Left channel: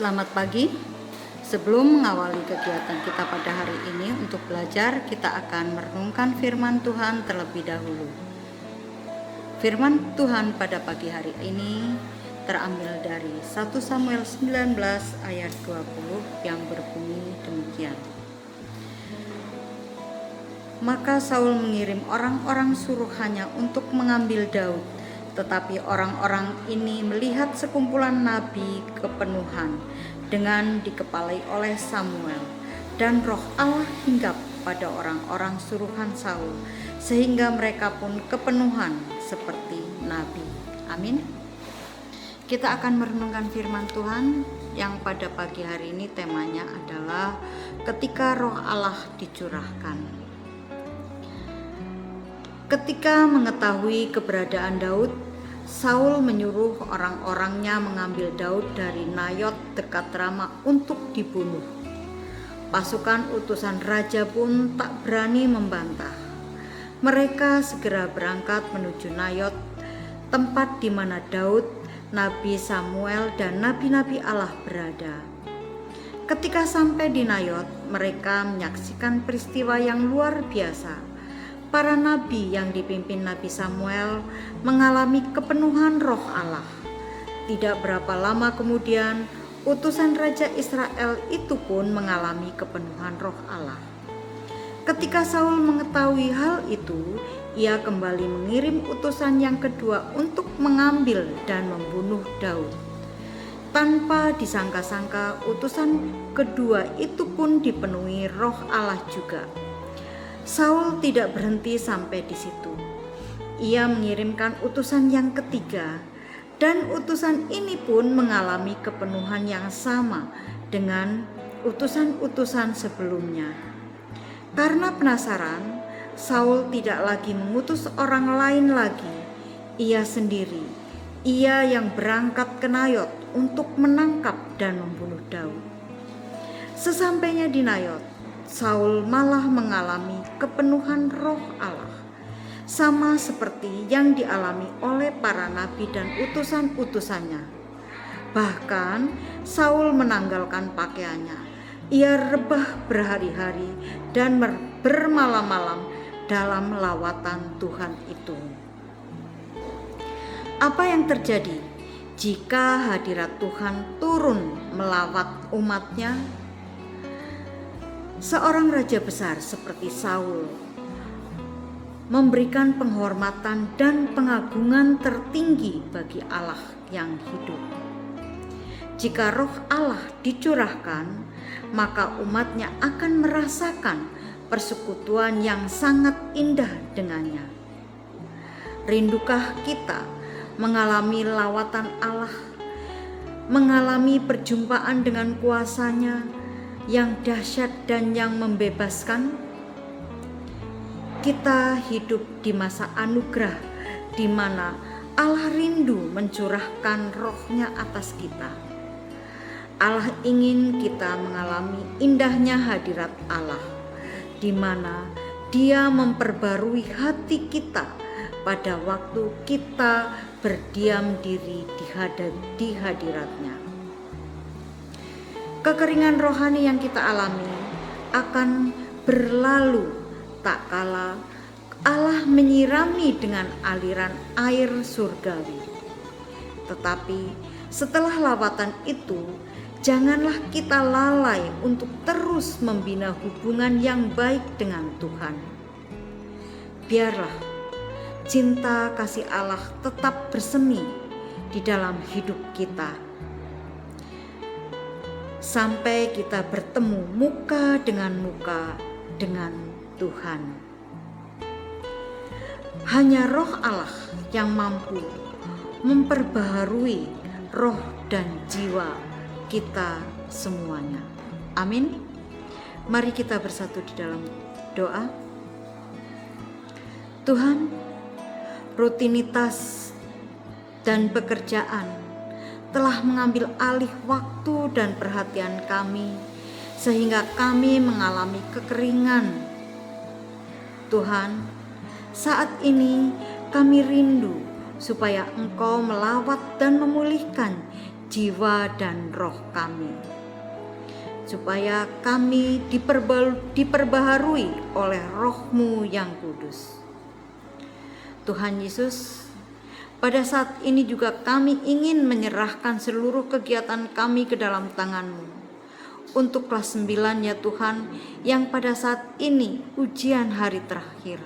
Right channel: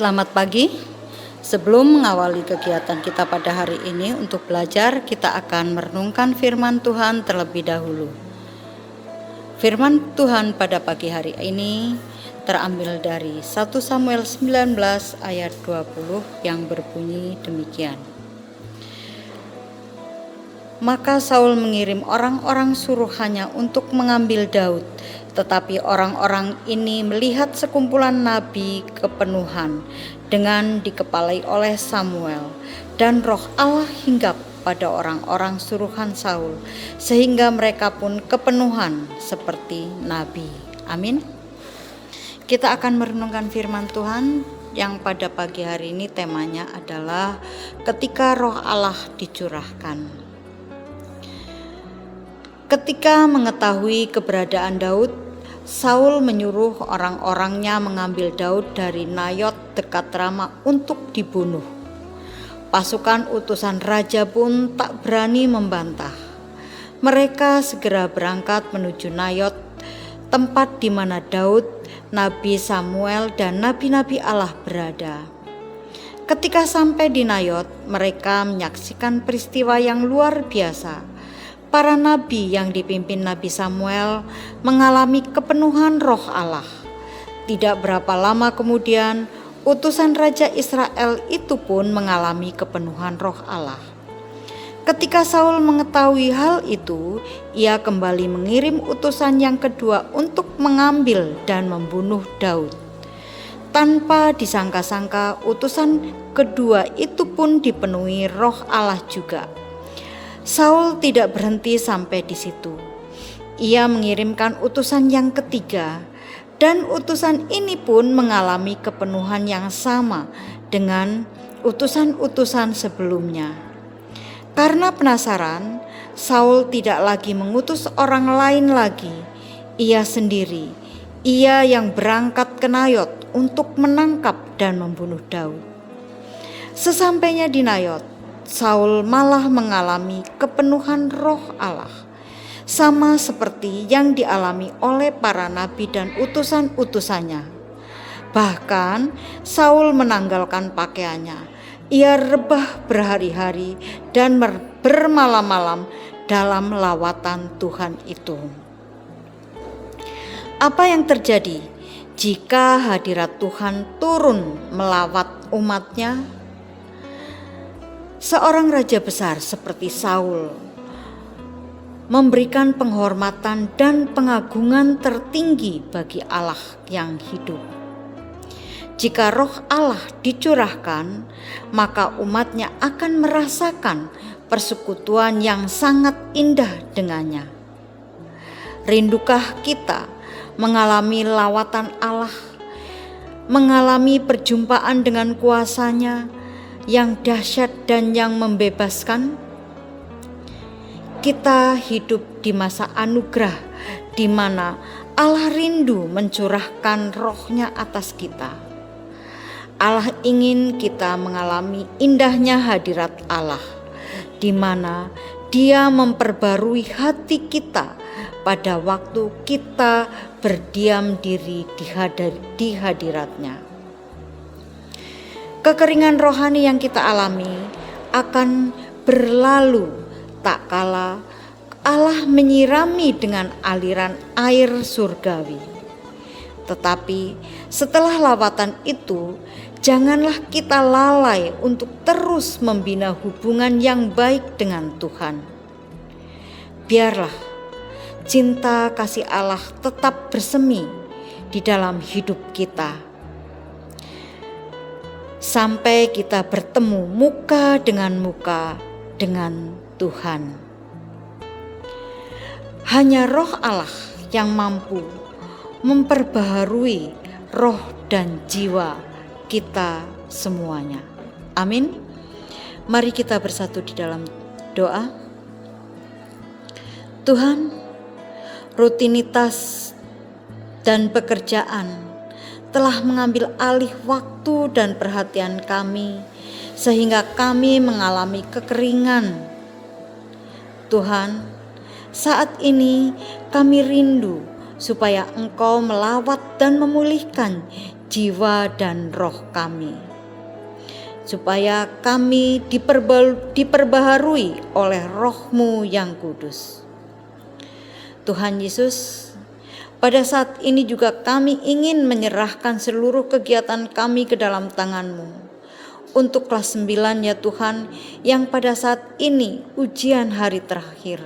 Selamat pagi. Sebelum mengawali kegiatan kita pada hari ini untuk belajar, kita akan merenungkan firman Tuhan terlebih dahulu. Firman Tuhan pada pagi hari ini terambil dari 1 Samuel 19 ayat 20 yang berbunyi demikian. Maka Saul mengirim orang-orang suruhannya untuk mengambil Daud. Tetapi orang-orang ini melihat sekumpulan nabi kepenuhan dengan dikepalai oleh Samuel, dan roh Allah hinggap pada orang-orang suruhan Saul, sehingga mereka pun kepenuhan seperti nabi. Amin. Kita akan merenungkan firman Tuhan yang pada pagi hari ini temanya adalah ketika roh Allah dicurahkan. Ketika mengetahui keberadaan Daud, Saul menyuruh orang-orangnya mengambil Daud dari Nayot dekat Rama untuk dibunuh. Pasukan utusan raja pun tak berani membantah. Mereka segera berangkat menuju Nayot, tempat di mana Daud, Nabi Samuel, dan nabi-nabi Allah berada. Ketika sampai di Nayot, mereka menyaksikan peristiwa yang luar biasa. Para nabi yang dipimpin Nabi Samuel mengalami kepenuhan roh Allah. Tidak berapa lama kemudian, utusan Raja Israel itu pun mengalami kepenuhan roh Allah. Ketika Saul mengetahui hal itu, ia kembali mengirim utusan yang kedua untuk mengambil dan membunuh Daud. Tanpa disangka-sangka, utusan kedua itu pun dipenuhi roh Allah juga. Saul tidak berhenti sampai di situ. Ia mengirimkan utusan yang ketiga, dan utusan ini pun mengalami kepenuhan yang sama dengan utusan-utusan sebelumnya. Karena penasaran, Saul tidak lagi mengutus orang lain lagi. Ia sendiri, ia yang berangkat ke Nayot untuk menangkap dan membunuh Daud. Sesampainya di Nayot, Saul malah mengalami kepenuhan roh Allah, sama seperti yang dialami oleh para nabi dan utusan-utusannya. Bahkan Saul menanggalkan pakaiannya. Ia rebah berhari-hari dan bermalam-malam dalam lawatan Tuhan itu. Apa yang terjadi jika hadirat Tuhan turun melawat umatnya? Seorang raja besar seperti Saul memberikan penghormatan dan pengagungan tertinggi bagi Allah yang hidup. Jika roh Allah dicurahkan, maka umatnya akan merasakan persekutuan yang sangat indah dengannya. Rindukah kita mengalami lawatan Allah, mengalami perjumpaan dengan kuasa-Nya yang dahsyat dan yang membebaskan? Kita hidup di masa anugerah di mana Allah rindu mencurahkan roh-Nya atas kita. Allah ingin kita mengalami indahnya hadirat Allah, di mana Dia memperbarui hati kita pada waktu kita berdiam diri di hadirat-Nya. Kekeringan rohani yang kita alami akan berlalu tak kala Allah menyirami dengan aliran air surgawi. Tetapi setelah lawatan itu, janganlah kita lalai untuk terus membina hubungan yang baik dengan Tuhan. Biarlah cinta kasih Allah tetap bersemi di dalam hidup kita, sampai kita bertemu muka dengan Tuhan. Hanya roh Allah yang mampu memperbaharui roh dan jiwa kita semuanya. Amin. Mari kita bersatu di dalam doa. Tuhan, rutinitas dan pekerjaan telah mengambil alih waktu dan perhatian kami, sehingga kami mengalami kekeringan. Tuhan, Saat ini kami rindu supaya Engkau melawat dan memulihkan jiwa dan roh kami, supaya kami diperbaharui oleh Roh-Mu yang kudus. Tuhan Yesus, pada saat ini juga kami ingin menyerahkan seluruh kegiatan kami ke dalam tangan-Mu. Untuk kelas 9 ya Tuhan, yang pada saat ini ujian hari terakhir.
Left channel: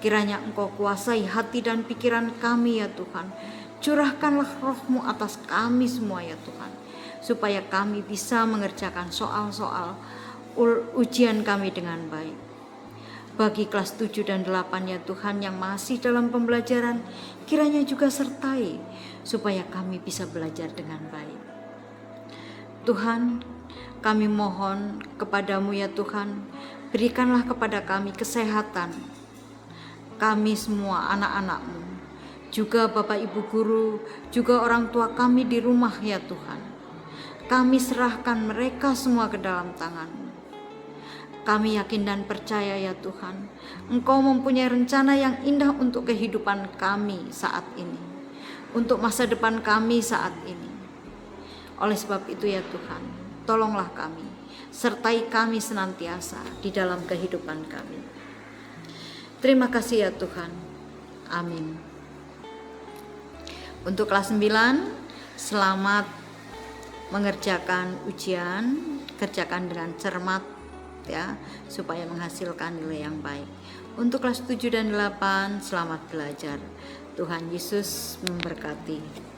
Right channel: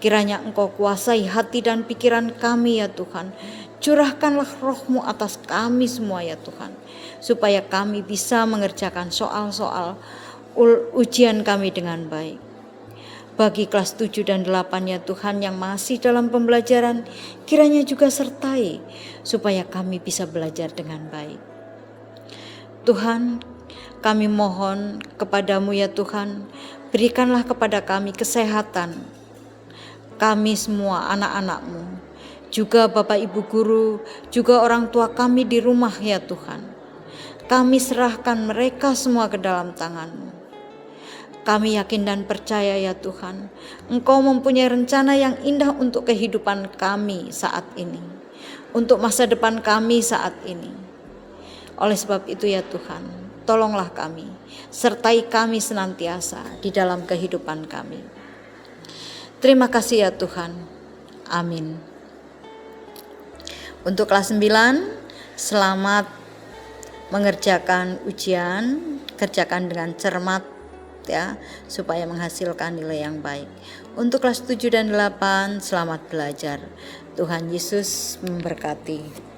Kiranya Engkau kuasai hati dan pikiran kami ya Tuhan. Curahkanlah Roh-Mu atas kami semua ya Tuhan, supaya kami bisa mengerjakan soal-soal ujian kami dengan baik. Bagi kelas 7 dan 8 ya Tuhan yang masih dalam pembelajaran, kiranya juga sertai supaya kami bisa belajar dengan baik. Tuhan, kami mohon kepadamu ya Tuhan, berikanlah kepada kami kesehatan. Kami semua anak-anak-Mu, juga Bapak Ibu guru, juga orang tua kami di rumah ya Tuhan. Kami serahkan mereka semua ke dalam tangan-Mu. Kami yakin dan percaya ya Tuhan, Engkau mempunyai rencana yang indah untuk kehidupan kami saat ini, untuk masa depan kami saat ini. Oleh sebab itu ya Tuhan, tolonglah kami, sertai kami senantiasa di dalam kehidupan kami. Terima kasih ya Tuhan. Amin. Untuk kelas 9, selamat mengerjakan ujian, kerjakan dengan cermat ya, supaya menghasilkan nilai yang baik. Untuk kelas 7 dan 8, selamat belajar. Tuhan Yesus memberkati.